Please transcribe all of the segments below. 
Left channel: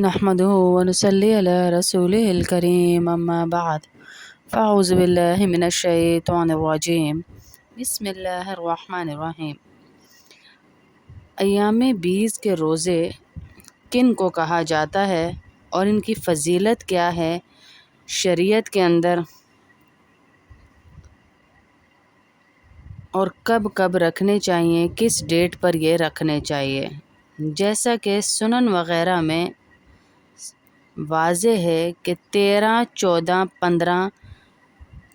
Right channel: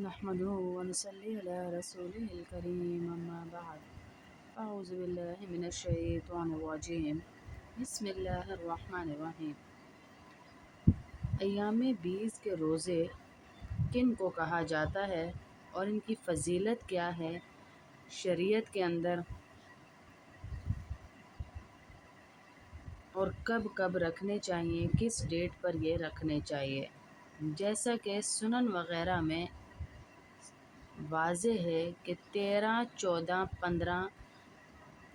نحمده ونصلي على رسوله الكريم أما بعد فأعوذ بالله من الشيطان الرجيم بسم اللہ الرحمن الرحیم۔ ایام بیس کے روزے کن کو کہا جاتا ہے اور ان کی فضیلت کیا ہے شریعت کے اندر، اور کب کب رکھنے چاہیے، کس ڈیٹ پر یہ رکھنے چاہیے؟ جیسا کہ سنن وغیرہ میں واضح ہے کہ 13، 14، 15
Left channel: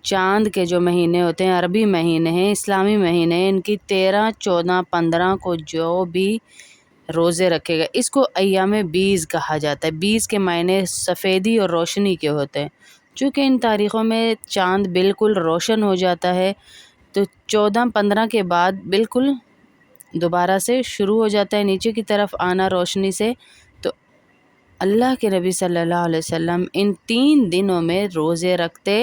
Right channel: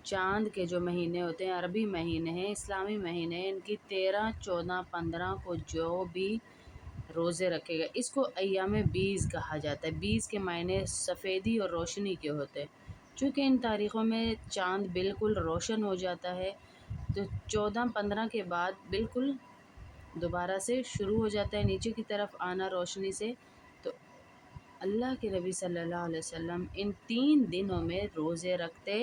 چاند کے جو مہینے ہوتے ہیں، عربی مہینے ہیں، اسلامی مہینے ہیں، ان کی 13، 14، 15 کو جو بھی روزے رکھے گا اس کو ایام بیس کہا جاتا ہے۔ بیس کے معنی سفیدی اور روشنی کے ہوتے ہیں۔ چونکہ ان تاریخوں میں چاند بالکل روشن ہو جاتا ہے تو 14، 15 کے بعد بالکل دوبارہ سے شروع ہو جاتا ہے نیچے کی طرف آنا روشنی سے، تو اللہ کے نبی صلی اللہ علیہ وسلم ان 3 دنوں میں روزے رکھتے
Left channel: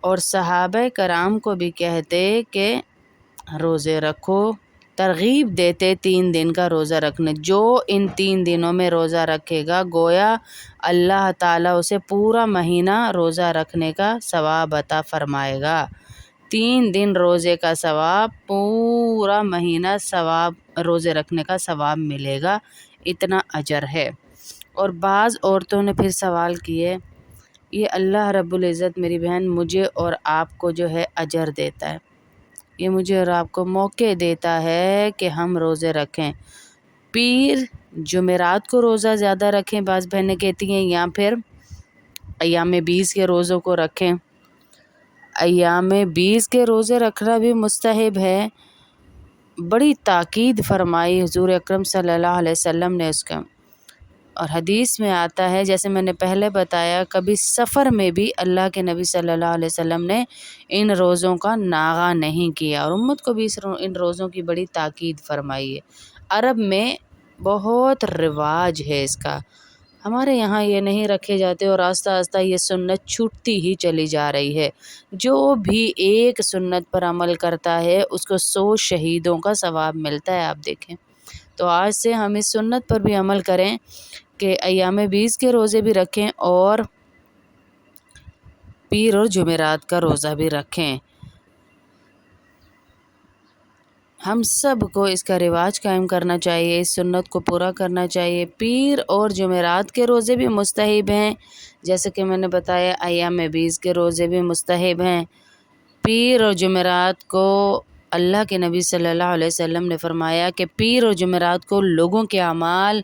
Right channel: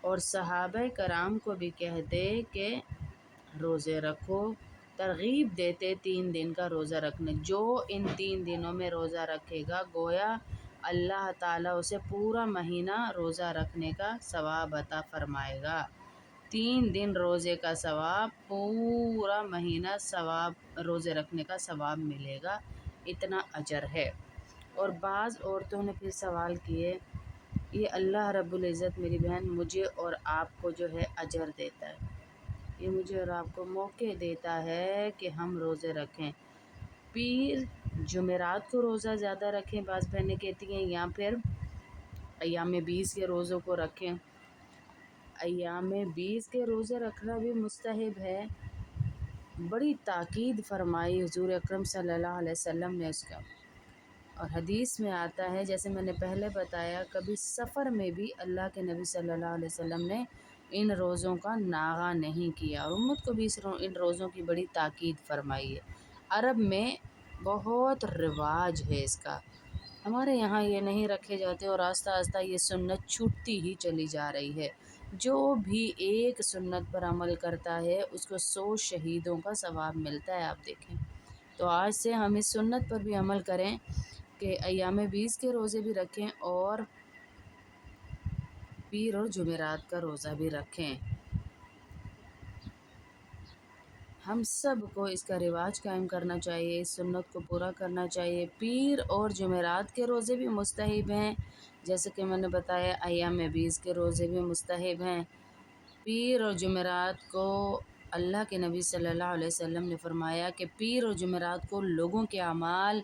اور صحابہ کرام کو بھی کہتے کہ روزے رکھو، ترغیب دیتے 3 دن کا روزہ رکھنے۔ جو ان 3 دنوں میں روزہ رکھے گا گویا اللہ تعالیٰ اسے پورا مہینہ روزہ رکھنے کا ثواب عطا فرمائے گا۔ 3 دن روزے کا ثواب، پورا مہینہ ثواب روزے رکھنے کا ثواب ملے گا، اتنا اجر ہے۔ اور بعض عورتوں نے پھر سوال کیے، یہ اللہ رب العزت میری بہن مجھے اور آپ کو جو ہے اجر دیتا ہے، یہ مجھے اور آپ کو موقع دیتا ہے کہ ہم روزے رکھیں، پیر جمعرات کو روزہ زیادہ رکھیں، بعض بہنیں کہتی ہیں، یا پھر ایام بیس کے روزوں کو رکھیں۔ ایام بیس کے روزے رکھنا بھی مستحب ہے، بڑی تاکید فرمائی حضور اکرم صلی اللہ علیہ وسلم نے اس کا، اور حدیث میں آتا ہے جیسے میں نے پہلے بتایا، کبھی سفر میں بھی اللہ کے نبی صلی اللہ علیہ وسلم نے ان روزوں کا ناغہ نہیں کیا، اور امت کو بھی ان روزوں کی بڑی تاکید فرمائی ہے۔ عرب میں بہت رواج ہے اس کا، ہمارے یہاں یہ نہیں رکھے جاتے، اور آہستہ آہستہ یہ سنت چھوٹتی ہی چلی جا رہی ہے۔ جو بھی ایک سنت پر عمل کرتا ہے اس کو 100 شہیدوں کا ثواب ملتا ہے، آپ دیکھیں۔ تو آج سے ہم اس سنت پر بھی عمل کریں کہ ایام بیس کے روزے بھی رکھیں اور پیر اور جمعرات کا روزہ بھی رکھیں۔ ہم سب کو اس کا رواج قائم کرنا چاہیے، اس سنت کو پورا کرنا چاہیے۔ پیر اور جمعرات کے روزے بھی مستحب ہیں، جیسے کہ میں نے بتایا ایام بیس کے روزے بھی مستحب ہیں۔ پیر اور جمعرات کو اللہ کے نبی صلی اللہ علیہ وسلم نے فرمایا کہ پیر اور جمعرات کو لوگوں کے اعمال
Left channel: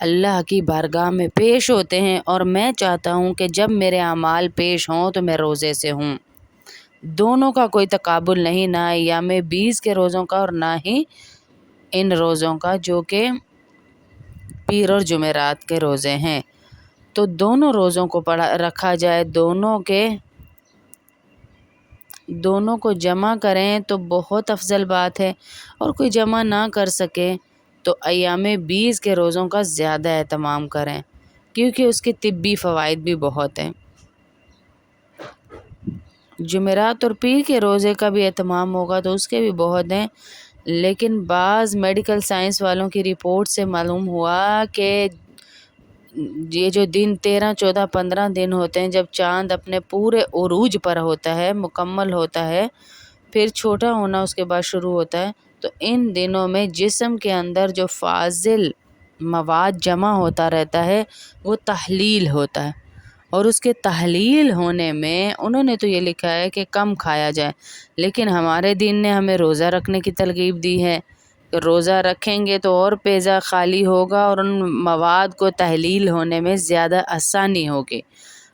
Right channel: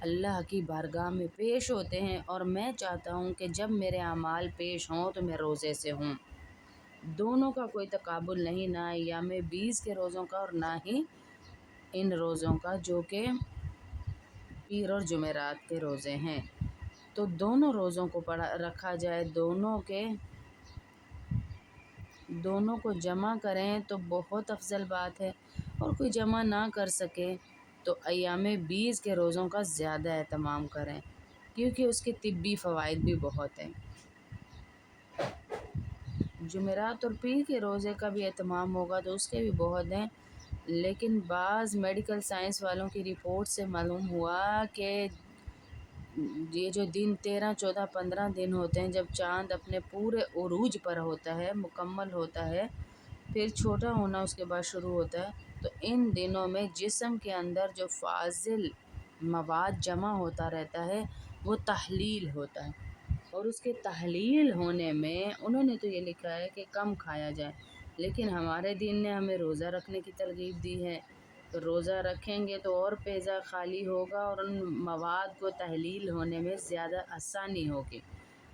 اللہ کی بارگاہ میں پیش ہوتے ہیں، اور میں چاہتا ہوں کہ جب میرے اعمال پیش ہوں تو میں روزے سے ہوں۔ دونوں کا کوئی تقابل نہیں، نہ ایام بیس کے روزوں کا اور نہ ہی ان روزوں کا جو کہ پیر اور جمعرات کے روزے ہیں۔ تو دونوں روزوں کو رکھا جائے، دونوں کو جمع کریں تو بہت افضل بات ہے، اور کوئی جمع نہ کر سکے تو ایام بیس کے روزوں کا زیادہ اہتمام کریں، کیونکہ اس کے طبی فوائد بھی بہت ہیں۔ جمعرات اور پیر کے روزے کا بھی اہتمام ہوگا تو اس کے بھی بہت ہیں، لیکن بعض میڈیکل سائنس والوں کی رپورٹ سے معلوم ہوا کہ یہ جو دن 13، 14، 15 دن ہوتے ہیں، جب چاند اپنے پورے عروج پر ہوتا ہے، مکمل ہوتا ہے، پھر چھوٹا ہونا اس کے بعد شروع ہوتا ہے، تو ان دنوں میں جسم کے اندر جو فاضل مواد جمع ہوتا رہتا ہے وہ تحلیل ہوتا ہے، اور اس کے تحلیل ہونے میں انہوں نے تو یہ لکھا ہے کہ کم کھایا جائے، لیکن ہمارے دین نے ہمیں روزہ رکھنے کی ترغیب دی ہے کہ روزہ رکھیں گے تو اور پیزا خالی ہوگا، اور ان مواد کو تحلیل ہونے میں زیادہ آسانی ہوگی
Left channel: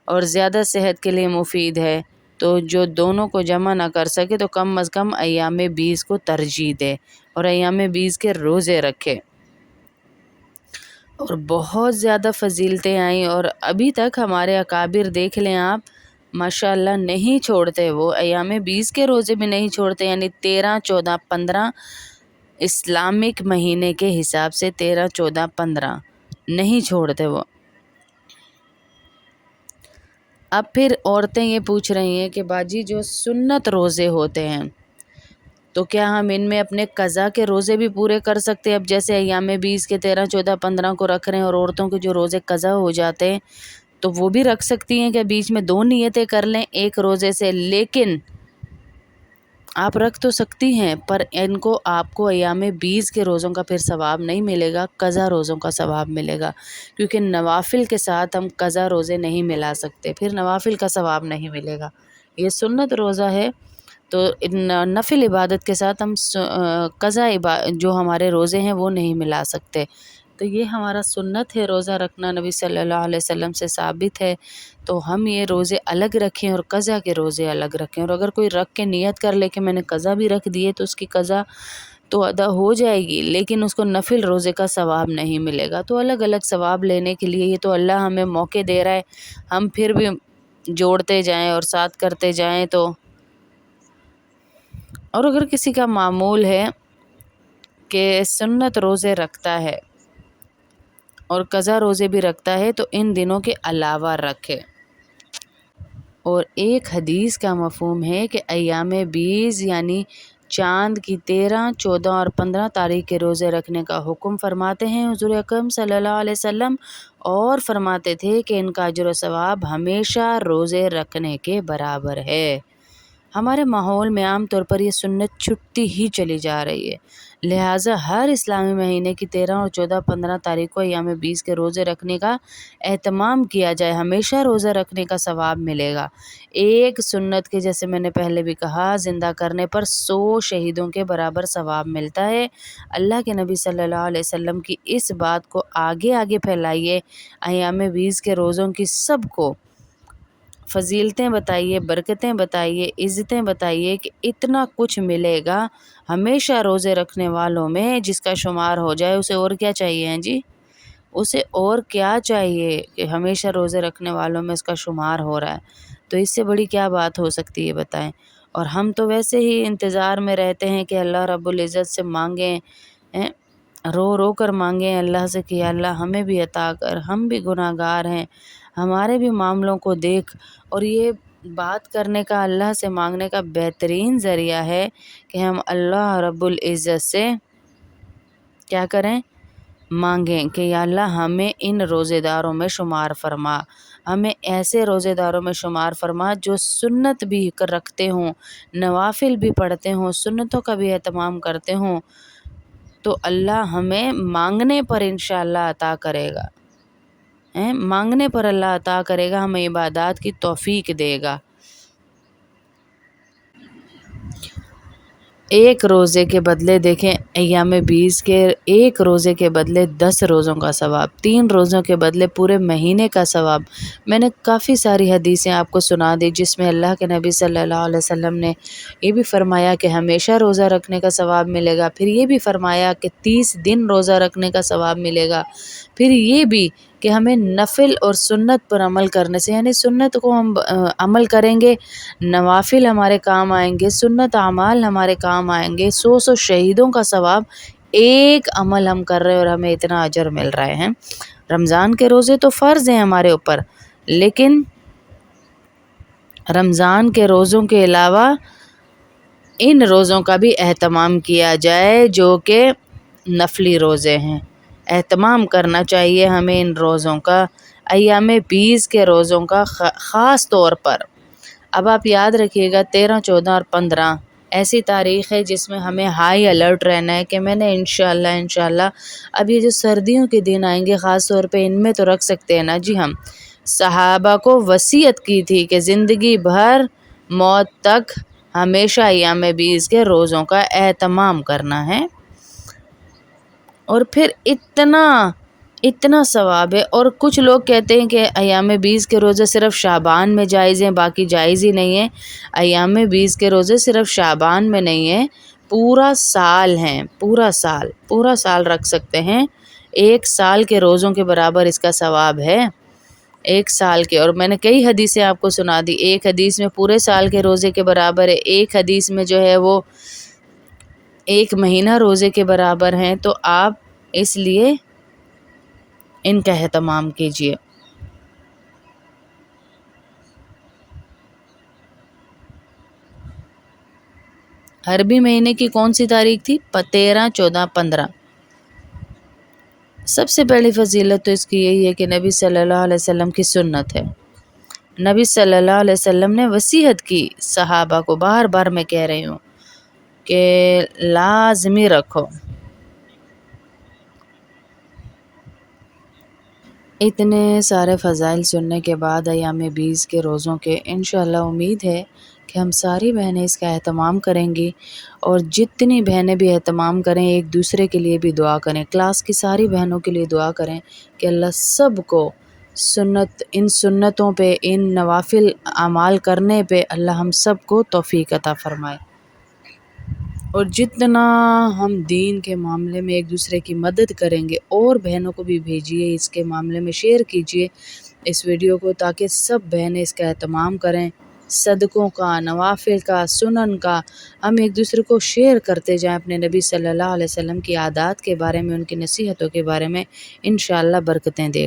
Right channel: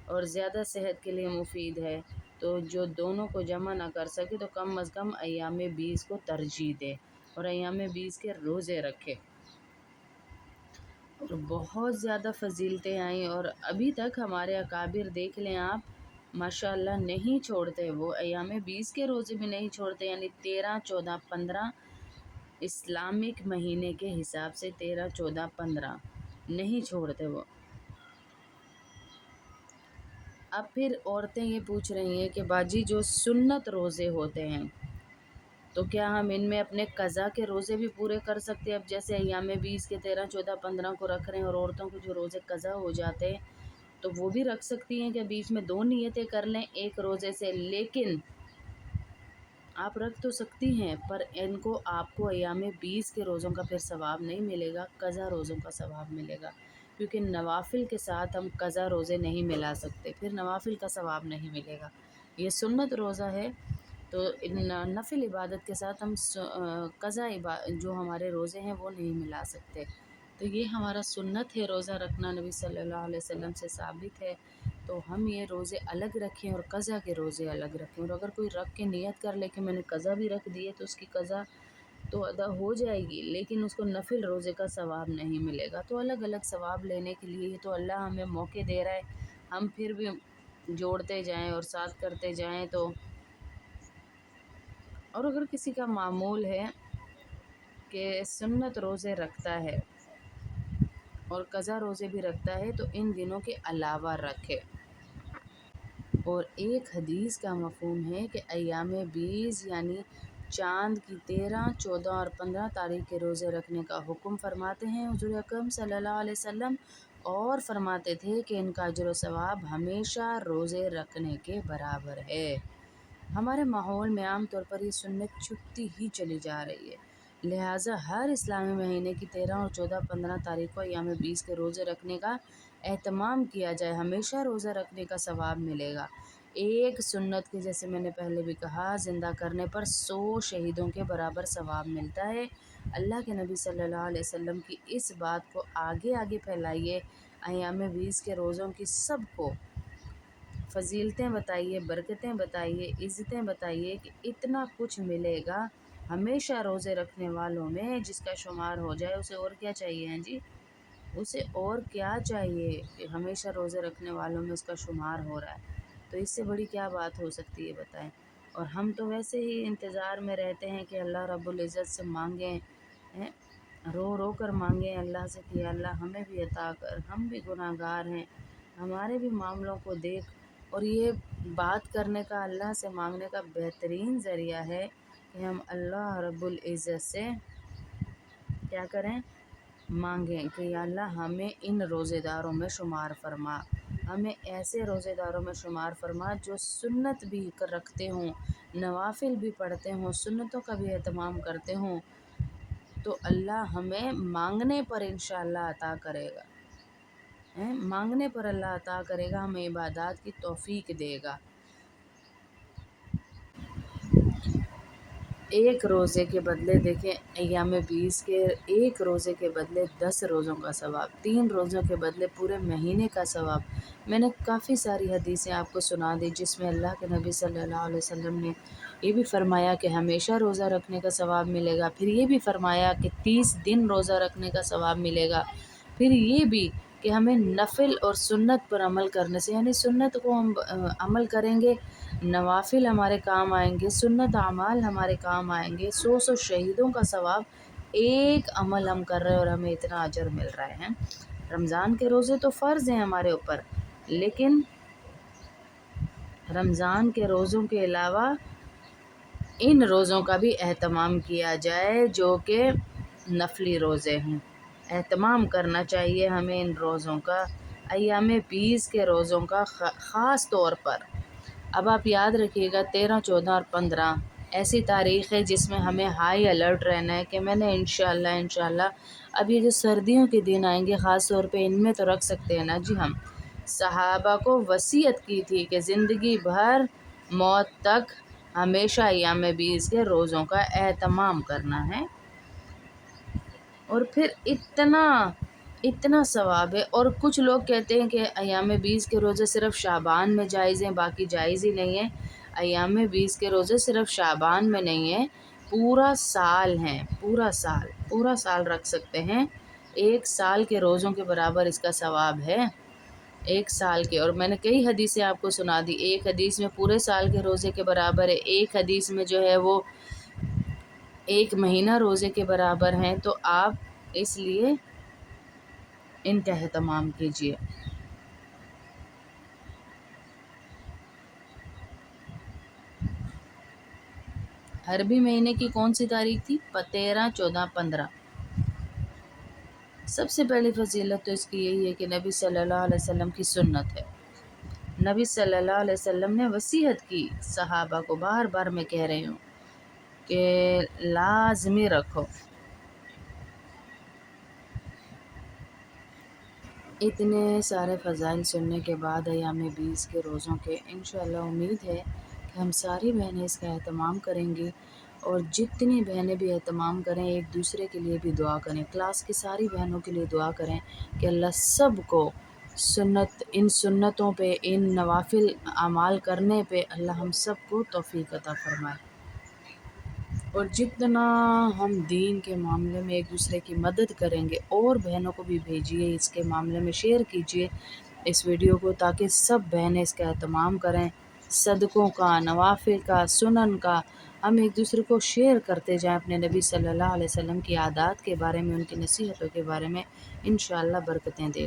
اور زیادہ صحت کے لیے مفید ہے۔ تو جو دونوں کو جمع نہ کر سکے تو کم از کم ایام بیس کو ترجیح دے اور ایام بیس کے روزے رکھے، اور بہت زیادہ فضیلتیں آئیں، اور ابھی تک ہمارے اکابر دیکھ لیں آپ، ماشاءاللہ نہیں چھوڑتے، وہ ایام بیس کے روزے بھی نہیں چھوڑتے، یعنی 13، 14، 15 اسلامک مہینے کے حساب سے 13، 14، 15 نہیں چھوڑتے وہ۔ اب پھر عورتیں یہ پوچھ رہی ہیں کہ باجی جو سنت روزے ہوتے ہیں تو کیا ہم ان میں اپنے قضا کے روزے بھی پورے کر سکتے ہیں؟ اب جیسے ایام 20 کے 13، 14، 15 کو رکھ رہے ہیں، اور عورتوں کے جو روزے قضا ہو جاتے ہیں تو وہ بھی رکھ سکتی ہیں کہ بیچ میں 2 نیتیں کر لیں ایک روزے سے، لیکن آپ رکھ تو سکتی ہیں پر آپ کو ایام 20 کے روزوں کا پھر ثواب نہیں ملے گا، قضا روزوں کا ثواب ملے گا، کیونکہ نوافل کے ساتھ ہم قضا روزے نہیں ملا سکتے، پھر نوافل کا ثواب نہیں ملے گا۔ یہ سنت روزہ ہے، تو نفل عبادت کے ساتھ ہم قضا جو ہمارے روزے ہیں وہ نہیں ملا سکتے۔ تو یہ ہمارا سنت ہے، روزہ رکھنا نبی صلی اللہ علیہ وسلم سے ثابت ہے، تو ہم یہ روزے الگ رکھیں اور قضا کے روزے الگ رکھیں۔ اور اگر کوئی رکھ کے نیت کر لے کہ میں نے قضا بھی رکھ دیے تو اس کی قضا تو ادا ہو جائے گی، لیکن اس کو نفل روزے کا ثواب نہیں ملے گا۔ تو الگ الگ ثواب لینے کے لیے یہ تو اللہ ہمیں موقع دے رہا ہے، ہم پھر بھی جوڑتے جائیں اور ساتھ کرتے جائیں۔ تو اور اگر کسی کا معمول ہے کہ سنت روزے رکھتا ہے اور قضا روزے بھی رکھتا ہے تو ان دنوں کے علاوہ رکھے۔ اور ایک حدیث کا مفہوم ہے کہ ایام 20 یعنی چاند کی 13، 14 اور 15 تاریخ کے روزے رکھنے کا حکم فرماتے ہیں حضور اکرم صلی اللہ علیہ وسلم، اور فرماتے تھے کہ ان کا اجر و ثواب ہمیشہ روزے رکھنے کے برابر ہے۔ ہمارے ماحول میں عام طور پر یہ سنت چھٹتی ہی چلی جا رہی ہے، لہٰذا ہر اسلامی مہینے کی 13 اور 14، 15 تاریخ کو ایام 20 کے روزے رکھنے کا اہتمام کیا جائے، ہمیشہ روزہ رکھنے کا ثواب ملے گا۔ ایک سنت کے جیسے میں نے پہلے بھی کہا زندہ کرنے پر 100 شہیدوں کے برابر ثواب ملتا ہے۔ اللہ کے نبی صلی اللہ علیہ وسلم کی اس بات کو آگے آگے پھیلائیے، ایام 20 کے روزوں کی سب کو فضیلتیں بتائیے، برکتیں بتائیے، عزتیں بتائیے کہ اتنا کچھ ملے گا ہمیشہ روزے رکھنے والوں میں، جس کا شمار ہو جائے اسے اور کیا چاہیے ہیں جی؟ اسے اور کیا چاہیے کہ ہمیشہ روزے رکھنے والوں میں اس کا شمار ہو رہا ہے، تو اس سے بڑی کیا بات ہو سکتی ہے بتائیں؟ اور ہم تو ویسے ہی انتظار میں رہتے ہیں کہ اللہ رب العزت سے مانگیں، رو رو کر مانگیں اللہ سے کہ یا اللہ ہمیں بھی عطا کر، ہم بھی گناہ گار ہیں، ہمارے بھی معاملوں کو دیکھ۔ اور یہ بات کرنے کا، اللہ سے مانگنے کا بہترین ذریعہ ہے کہ ہم اللہ رب العزت سے کیا کریں؟ مانگیں کہ یا اللہ ہمیں ان روزے داروں میں شمار فرما، ہمیں ایسے روزے داروں میں شمار فرما جو سنت بھی رکھتے ہوں، نوافل بھی پڑھتے ہوں، سنتوں کا بھی اہتمام کرتے ہوں، تو اللہ ہمیں مانگنے پر انشاءاللہ عطا کرے گا، مانگنے پر اللہ عطا کرے گا، ہمیں عبادات کی توفیق دے گا۔ ایک روزے کے بدلے دیکھیں ایام 20 کے ایک روزے کے بدلے 10 روزوں کا ثواب، 3 روزوں کے بدلے پورے مہینے کا ثواب۔ میں نے کافی ساری حدیثیں آپ کو سنا دی جس میں اللہ کے نبی صلی اللہ علیہ وسلم نے یہ بھی فرمایا کہ ہمیشہ روزہ رکھنے کا ثواب ملے گا، پھر یہ بھی فرمایا کہ 30 دن روزہ رکھنے کا ثواب ملے گا، پھر یہ بھی کہ ہمیں نفل اور سنت پر عمل کرنے سے، یعنی سنت کو ہم عمل کریں گے، نوافل ہمارے کام آئیں گے، سنت اعمال ہمارے کام آئیں گے، 100 شہیدوں کا ثواب ایک عمل ہم کر رہے ہیں اور ہمیں اتنا اجر مل رہے ہیں۔ رمضان کے روزے تو فرض ہیں ہمارے اوپر، لیکن رمضان کے روزوں کے علاوہ ان روزوں کا بھی اہتمام کیا جائے جو کہ نفلی روزے ہیں، اہتمام کرنا چاہیے ہمیں ان روزوں کا، ایام 20 کے روزوں کا خاص طور پر۔ اب آپ یاد رکھیے گا 13، 14 اور 15 ایسی تاریخ ہے جس میں ہمیں ہائی الرٹ رہنا ہے کہ میں نے انشاءاللہ اب یہ جو سردیوں کے دن آئیں گے خاص طور پہ ان میں تو رکھ سکتے ہیں نا جی۔ ہم صحابہ کو وصیت کی تھی کہ زندگی بھر موت تک ہمیشہ ایام 20 کے روزوں کا اہتمام کرنا ہے، اور پھر اتنا ثواب ہے۔ اور کچھ لوگ کہتے ہیں کہ ایام 20 کے روزے صرف شعبان میں جائز ہیں، باقی جائز ہی نہیں ہیں۔ ایام 20 کے روزے صرف شعبان میں نہیں ہیں، پورا سال ہیں، پورا سال رکھ سکتے ہیں، 1 سال کے روزوں کے برابر اس کا ثواب ہے، 1 سال کے۔ اور میں نے کئی حدیثیں آپ کو سنا دی، ایک حدیث میں پورے سال کے روزے کے برابر ہے، ایک حدیث میں جو ہے وہ 1 مہینہ روزے کے برابر ہیں، تو آپ اس لیے ان کا اہتمام کیجیے۔ عربی مہینے کی کون سی تاریخ تھی؟ 13، 14، 15۔ سب سے پہلی فضیلت تو اس کی یہی ہے کہ نبی صلی اللہ علیہ وسلم کی سنت ہے۔ نبی صلی اللہ علیہ وسلم نے وصیت کی، صحابہ کو بار بار میں کہہ رہی ہوں کہ لازمی رکھو۔ اتنے سارے فضائل سننے کے بعد ایام 20 کے روزوں کے انشاءاللہ امید ہے کہ ہم ساری بہنیں اس کا اہتمام کریں گی، اور جتنی بہنیں بھی اہتمام کریں ایک دوسرے کے لیے بھی دعا کریں، کلاس کی ساری بہنوں کے لیے دعا کریں کہ اللہ سب کو ان سنتوں پہ، ان نوافل اعمال کرنے پہ اللہ ہم سب کو توفیق عطا فرمائے۔ اور جتنا ہم دین کے معاملے میں ایک دوسرے کی مدد کریں گے، اور بہنوں کو بھی بھیجیے اس کے معاملے میں، شیئر کیجیے اس ویڈیو کو تاکہ سب بہنیں اس کا اہتمام کریں۔ صدقوں کا، نوافل کا، سنن کا ہم ایک دوسرے کو شیئر کرتے جائیں، اپنے نبی صلی اللہ علیہ وسلم کی عادات کے بارے میں، ان کی نصیحتوں کے بارے میں، انشاءاللہ برکتیں دے گا۔